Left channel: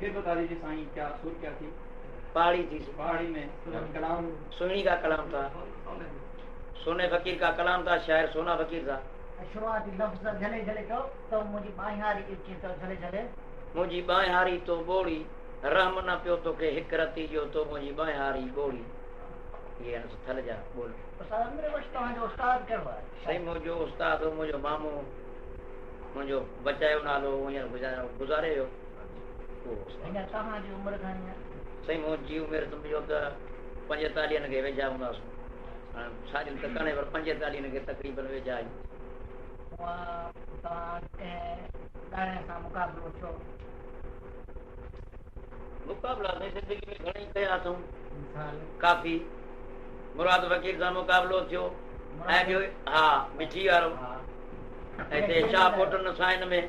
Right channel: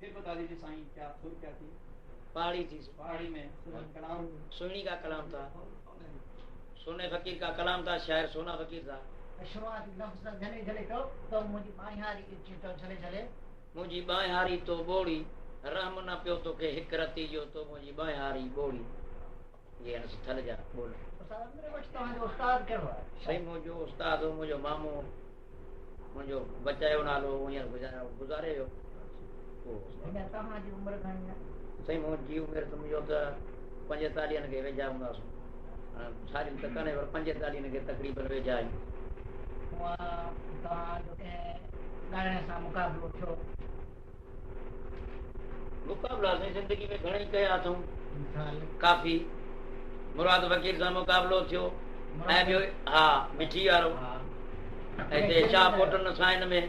फिर बता दीजिए साईं, क्या सुर क्या थी? पहाड़ी थी, पहाड़ी में कलाम सुनी का कलाम था, सोने फकीर का कलाम था, शायर सोना फकीर था। शुरुआती लफ्ज़ झले झले तो मुझी बाई हारी इच्छी तो झले झले मुझी बाई हारी तो बोड़ी रहम न पियो तो के हिक रती जो तो मुझी बाई हारी बोड़ी। ये न थल जा बोल। उस्ताद मेरे वश तो जो उस्ताद करो है सही मुझो उस्ताद हो, मुझो मामो, मुझो बचायो नालो यार गुजारे हो वो इन तहां जी उम्र घणी है? सही मुझी उम्र तो मुझो तो 45 के वेझा हूंदासूं। सारी त कणे पर 45 के तकरीबन वेझा आहियूं। तहां जो के गाने सां मुकाबलो थियो? मुकाबला से जिंदगी में घणई कया अथऊं, मिसाल काफ़ी। मुराद फकीर सां मुकाबलो थियो ऐं ॿियो हा मिठी वारो हिते शाह कोटन सां हिन में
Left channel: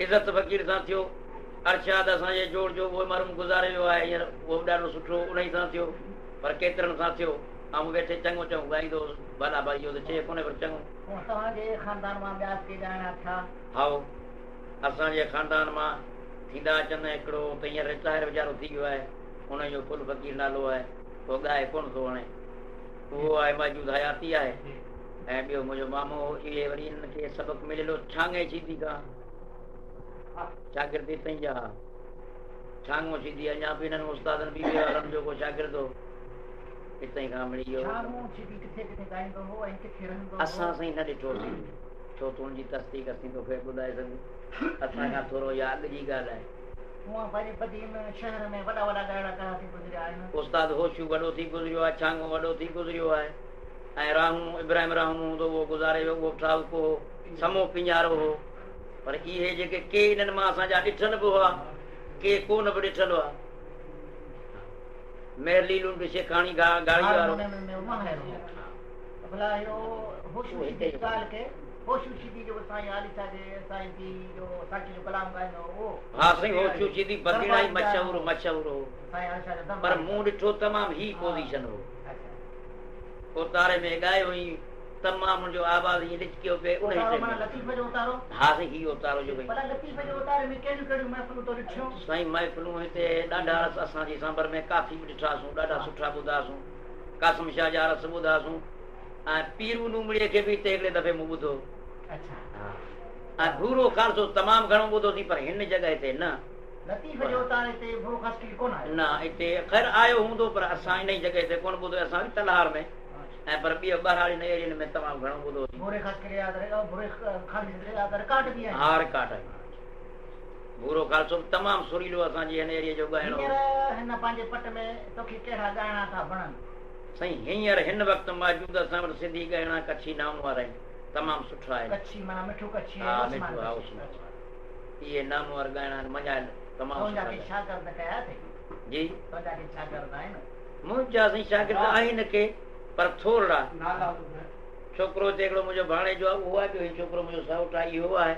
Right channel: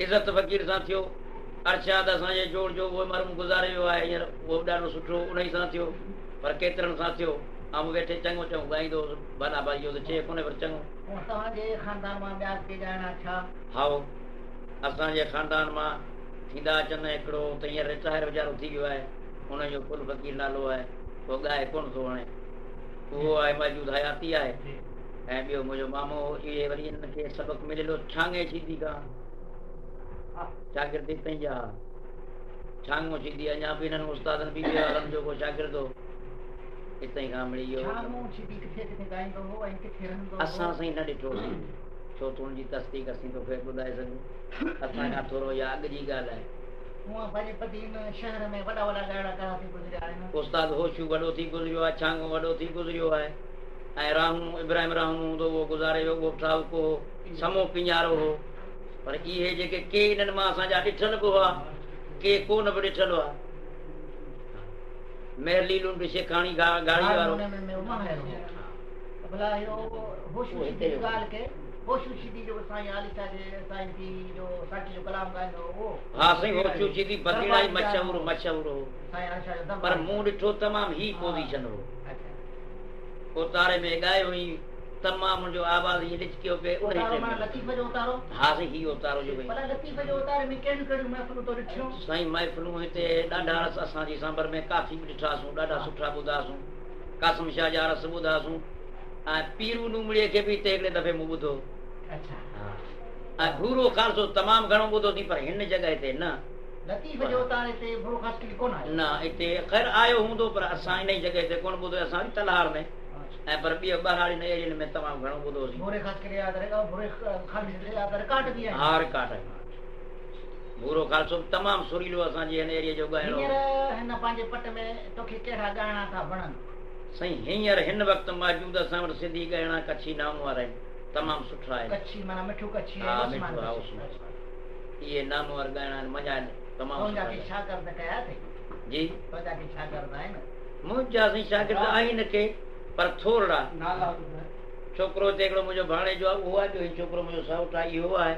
इज़त फकीर सां थियो। अरशाद असांजे जोड़ जो उहो मरम गुज़ारे वियो आहे हींअर, उहो बि ॾाढो सुठो उन सां थियो, पर केतिरनि सां थियो। ऐं वेठे चङो चङो ॻाईंदो भला भाई इहो त चए कोन्हे पर चङो। तव्हांजे ख़ानदान मां ॿिया के ॻाइणा छा? हा असांजे ख़ानदान मां थींदा अचनि। हिकिड़ो त हींअर रिटायर वीचारो थी वियो आहे, हुनजो फुल फकीर नालो आहे, उहो ॻाए कोन थो हाणे, उहो आहे मौजूद हयाती आहे। ऐं ॿियो मुंहिंजो मामो इहे वरी हिनखे सबक़ मिलियलु छांगे सीधी खां शागिर्द हितां जा छांगो सीधी अञा बि हिननि उस्तादनि बीबी वारनि जो को शागिर्द हो हितां खां मिली वियो। असां साईं न ॾिठो छो त हुनजी तस्दीक असीं तोखे ॿुधाए सघूं, असां खां थोरो इहा अॻु जी ॻाल्हि आहे। उस्ताद होशू वॾो थी गुज़रियो आहे, छांगो वॾो थी गुज़रियो आहे, ऐं राहूं इब्राहिम राहूं हूंदो उहो गुज़ारे वियो, उहो ठालको हो, समो पिञारो हो। पर इहे जेके के इन्हनि मां असांजा ॾिठल बि हुआ, के कोन बि ॾिठल हुआ। मेरलीलूं बि शेखाणी गाड़ी वारो हा साईं होशू सीधी बदीना ई मशहूर हो, पर मूं ॾिठो तमामु ही पोज़ीशन हो। उतारे में ॻाए हुई तमामु मुंहिंजो आवाज़ ईअं ॾिचकियो पिए उन ही टाइम। हा साईं ही उतारो जो साईं महफ़िलूं हिते ॾाढा रस असांजी सांबर में काफ़ी बि ॾिठासीं, ॾाढा सुठा ॿुधासीं। कासिम शाह जा रस ॿुधासीं ऐं पीरू लूमड़ीअ खे बि हिते हिकिड़े दफ़े मूं ॿुधो। ऐं भूरो खालसो तमामु घणो ॿुधो थी, पर हिन जॻह ते न न हिते ख़ैर आयो हूंदो, पर असां इन जॻह ते कोन ॿुधो। असां तलहार में ऐं पर ॿियो ॿारहाड़ी एरियनि में तमामु घणो ॿुधोसीं। हा रिकार्ड भूरो खालसो तमामु सुरीलो असांजे हिन एरिया जो ॻाइणो। साईं हींअर हिन वक़्तु मौजूद असां वटि सिंधी ॻाइणा कच्छी नाम वारा आहिनि, तमामु सुठा आहिनि। इहे नाम वारा ॻाइणा आहिनि, मज़ा तमामु जी मुंहिंजा साईं शागिर्द आहिनि के, पर थोरा। छोकिरो हिते हिकिड़ो मुंहिंजो भाणेजो आहे, उहो आहे। ॿियो छोकिरो मुंहिंजो साउट आहे, इहो आहे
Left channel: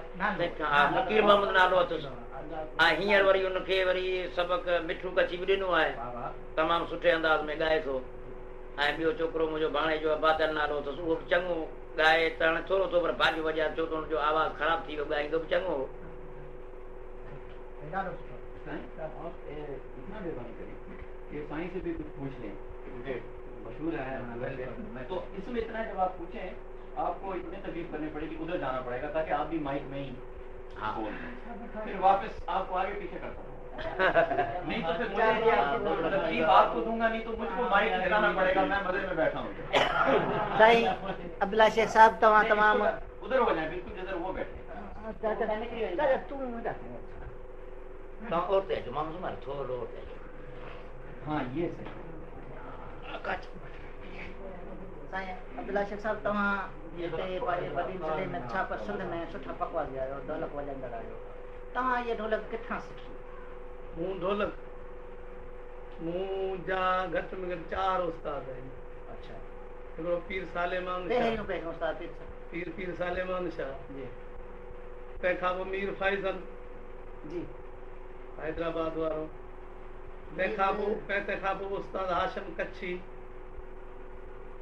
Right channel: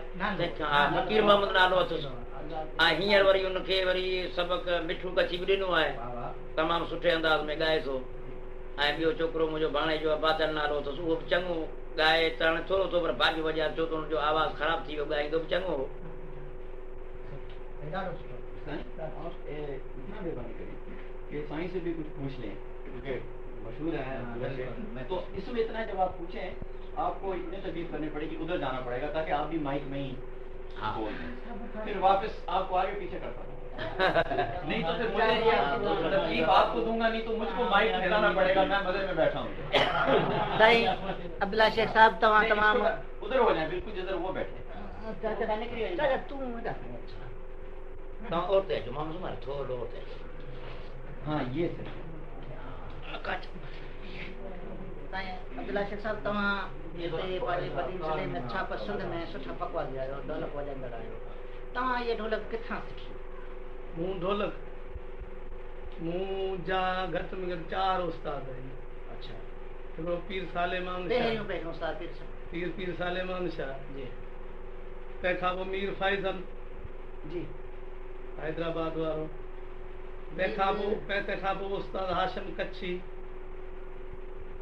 फ़कीर मोहम्मद नालो अथसि। ऐं हींअर वरी हुनखे वरी सबक़ मिठू कच्छी बि ॾिनो आहे, तमामु सुठे अंदाज़ में ॻाए थो। ऐं ॿियो छोकिरो मुंहिंजो भाणेजो आहे, बादल नालो अथसि, उहो बि चङो ॻाए त हाणे थोरो थो पर भाॼी वॼा छो त हुनजो आवाज़ ख़राबु थी वियो, ॻाईंदो बि चङो हो। ये साईं से भी कुछ पूछ लें क्योंकि मशहूर है, तो इसमें इतना जब आप पूछें आपको इतने तकलीफ करनी पड़ेगी, उधर जाना पड़ेगा ताकि आप भी माइक में ही बोल दें, फिर वापस आपको आगे पीछे करता हूँ। नहीं तो फिर मुझे तकलीफ आपको दूंगा, नहीं तो मुझको माइक हिलाना पड़ेगा, मैं मजे में बैठा हूँ। सही अब्दुल्ला शेख साहब तमाम उधर हो जाए, बिल्कुल जिधर वो बैठे। हाँ ये सही। अब्दुल्ला शेख साहब तव्हां हिते पंहिंजे वॾी ज़िले में छा पसंदि में सुठा पकवान आहियो, ढोलक वॼाईंदड़ आहियो, तव्हां इहे ढोलक किथां सिखी? मूं ढोलक मुंहिंजा घटि में घटि 4 उस्ताद आहिनि। अच्छा, हिकिड़ो पीर सालेमान उस्ताद पीर सालेमान शाह जी, तंहिंखां पोइ मीर फैज़ल जी हैदराबाद वारो, तंहिंखां पोइ उस्ताद हाशिम कच्छी,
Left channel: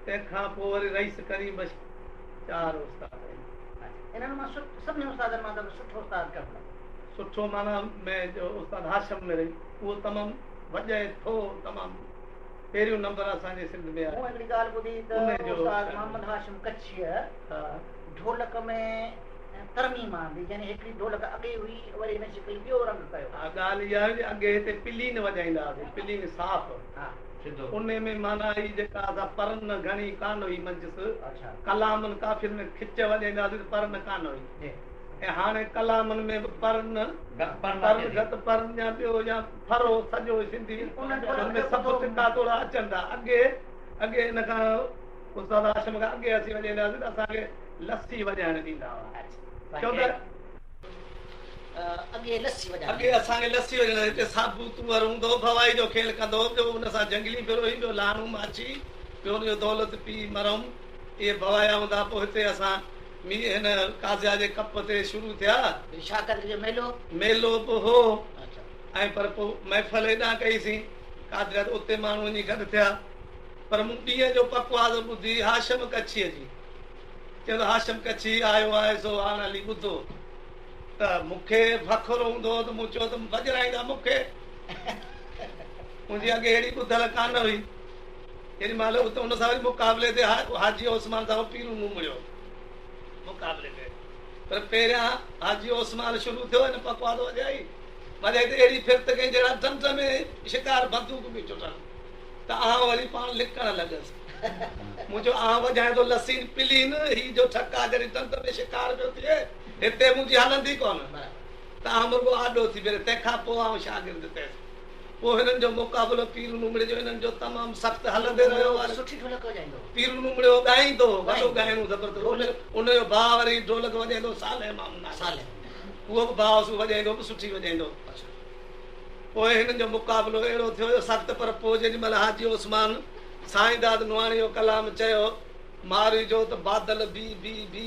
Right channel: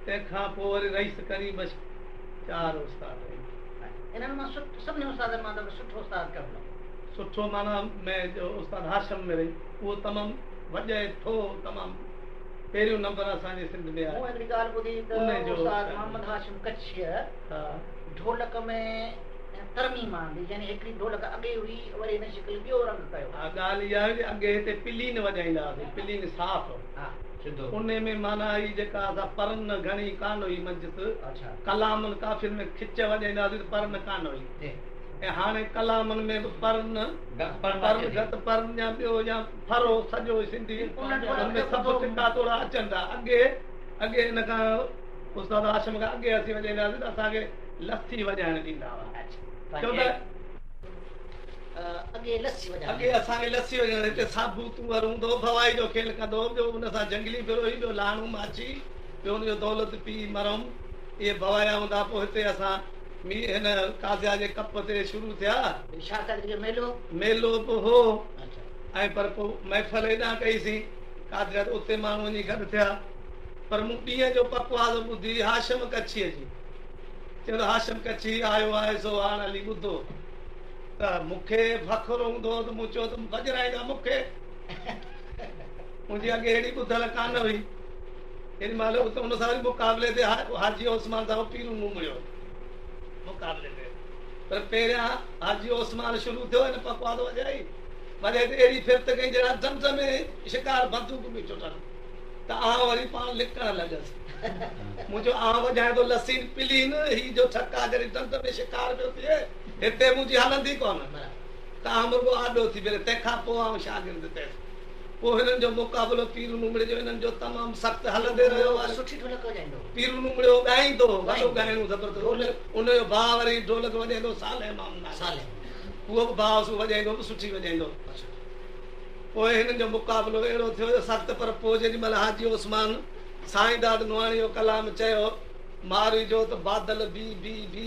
तंहिंखां पोइ वरी रईस करीम, बस 4 उस्ताद आहिनि। इन्हनि मां सभिनी उस्तादनि मां सुठो उस्ताद कहिड़ो? सुठो माना मैं जो उस्ताद हाशम में रही वो तमाम वॼे थो तमाम पहिरियों नंबर असांजे सिंध में आहे। मूं हिकिड़ी ॻाल्हि ॿुधी त उस्ताद मोहम्मद हाशिम कच्छीअ ढोलक में तरमीम आंदी यानी हिकिड़ी ढोलक अॻे हुई वरी हिन शिकिल ॿियो रंग कयो। ॻाल्हि इहा हुई अॻे हिते पिलीन वॼाईंदा हुआसीं पिलीन साफ़ उन में माना ही जेका असां परन घणी कान हुई मंजिस कलामनि काफ़ियुनि में खिच वॼाईंदा हुआसीं परन कान हुई ऐं हाणे कलामनि में बि परन गत परन या ॿियो या फरो सॼो सिंधी हुनमें सभु टिका थोरा अचनि था। अॻे हिन खां उस्ताद हाशिम खां अॻे असीं वॼाईंदा हुआसीं त असांखे लस्सी वॼाइण ॾींदा हुआ। अॻे असांखे लस्सी वॼाइण हिते साबू तुअर हूंदो भवाई जो खेल कंदो ॿियो हुन सां जंगली फिरोई ॿियो लाणू माछी ॿियो हुनजो दौलत पी मरम इहे भवाया हूंदा। पोइ हिते असां हिन काज़िया जे कप ते शुरू थिया मेलो बि हो ऐं पर पोइ महफ़िल हेॾां कईसीं काज़िया उते माण्हू वञी गॾु थिया। पर मूं ॾींहं जो पकवास ॿुधी हाशिम कच्छीअ जी चवंदो हाशिम कच्छी आयो आहे सो हाणे हली ॿुधो त मूंखे फ़ख़ुरु हूंदो त मूं चयो त वॼराईंदा मूंखे मुंहिंजी अॻे अहिड़ी ॿुधल कान हुई। हेॾी महिल उते हुन सां वरी मुक़ाबले ते हाजी ओसमान सां पीरू मुमड़ियो मुक़ाबले ते पर पहिरियां हाजी ओसमान शुरू थियो हिन पकवास वॼाई वॼाई त अहिड़ी फिरत कई जहिड़ा ढंढ में शिकार बंदूक बि चुटल त आउं वरी पाण लिकण लॻसि मुंहिंजो आउं वॼाए थो लस्सी पिलीन ही जो ठका जॾहिं ढंढ में शिकार पियो थिए हिते मुंहिंजी हलंदी कोन त आउं रुॻो आॾो थी करे तंहिंखां पोइ आउं शागिर्द थियसि। पोइ हिननि जो मुक़ाबिलो पीरू नुमड़े जो हिननि जो तमामु सख़्तु हलंदे रहियो पीरू नुमड़े ॻाईंदो वॾो ॻाइणो ज़बरदस्त उनजो भाउ वरी ढोलक वॼाईंदो साल उहो बि भाउ वॼाईंदो बि सुठी वॼाईंदो। पोइ हिननि जो मुक़ाबिलो अहिड़ो थियो सख़्तु पर पोइ जेॾी महिल हाजी ओसमान साईं दाद नुआणी जो कलाम चयो मारी जो त बादल बी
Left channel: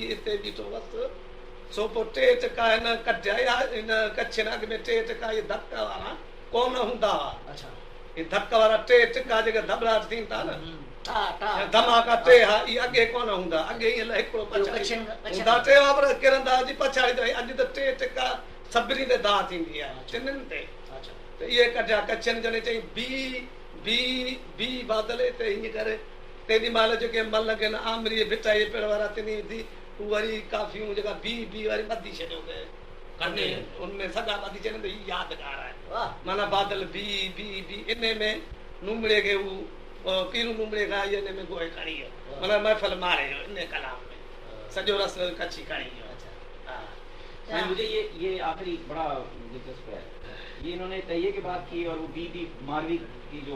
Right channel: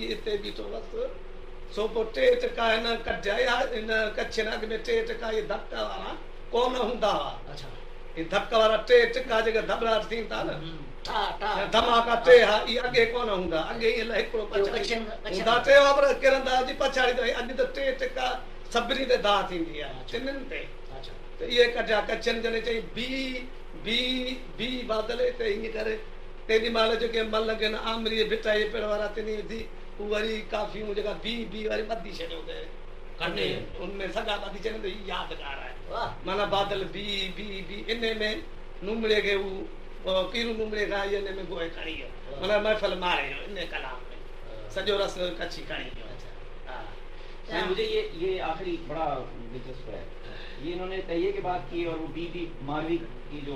हिते बीठो बसि सो पोइ टे टका हिन कढिया हिन कच्छ अॻ में टे टका इहे धक वारा कोन हूंदा हुआ। इहे धक वारा टे टका जेके धबराट थीनि था न धमाका टे हा इहे अॻे कोन हूंदा अॻे ईअं हिकिड़ो पछाड़ी हूंदा टे वापर किरंदा हुआ पछाड़ी त अॼु त टे टका सभिनी ते दाह थींदी आहे टिनिनि ते त इहे कढिया कच्छनि जॾहिं चई बी बादल हिते हीअं करे तेॾी महिल जेके मल आहिनि आमरी भिटाई पेड़ वारा तिनी विधी हू वरी काफ़ियूं जेका बी वरी ॿधी छॾियो उनमें सॼा ॿधी छॾनि त हीअ यादगार आहे माना बादल बी इन में नुमड़े खे हू पीरू नुमड़े खां हिन में गोए खणी वियो माना महफ़िल मारे वियो इन कलाम में सॼो रस कच्छी खणी वियो। मुझे ये आखिरी बड़ा दिलचस्प है ये इन्होंने तैये की बात की और वो बी मारवी की जो